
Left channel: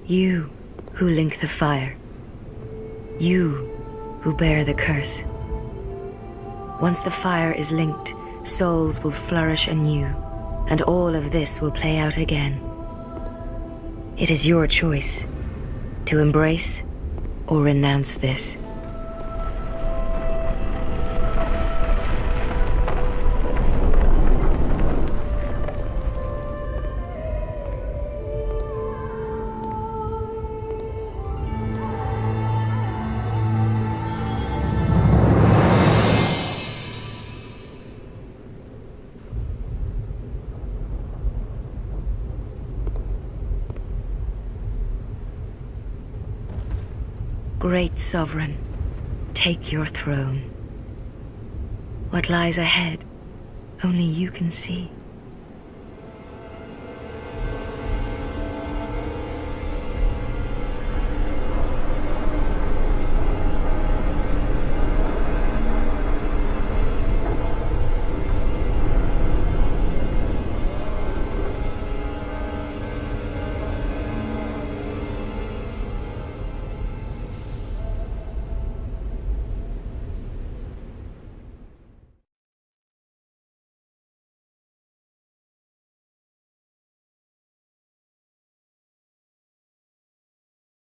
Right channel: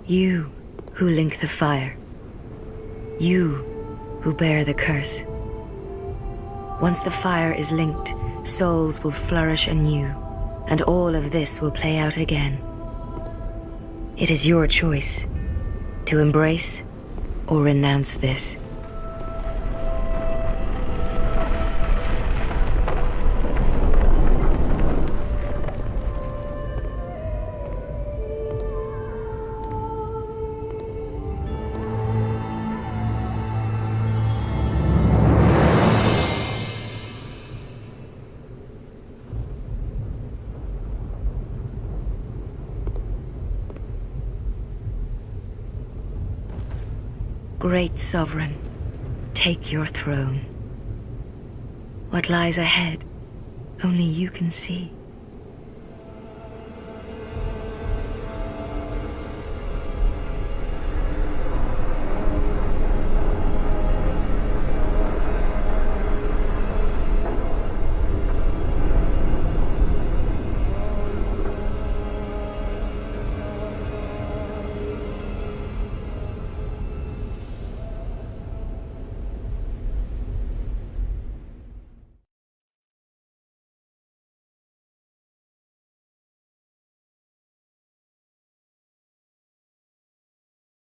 You who link the fire. You who bear the curse. Once the fire is linked, souls will flourish anew, and all of this will play out again. It is your choice to embrace or renounce this. Great Sovereign, take your throne. What lies ahead, only you can see.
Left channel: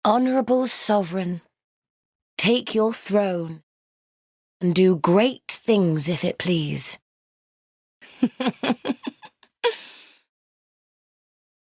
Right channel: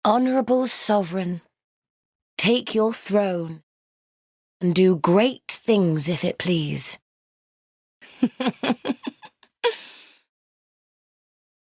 Honourable Sovereign, take your throne, and do great things if it please.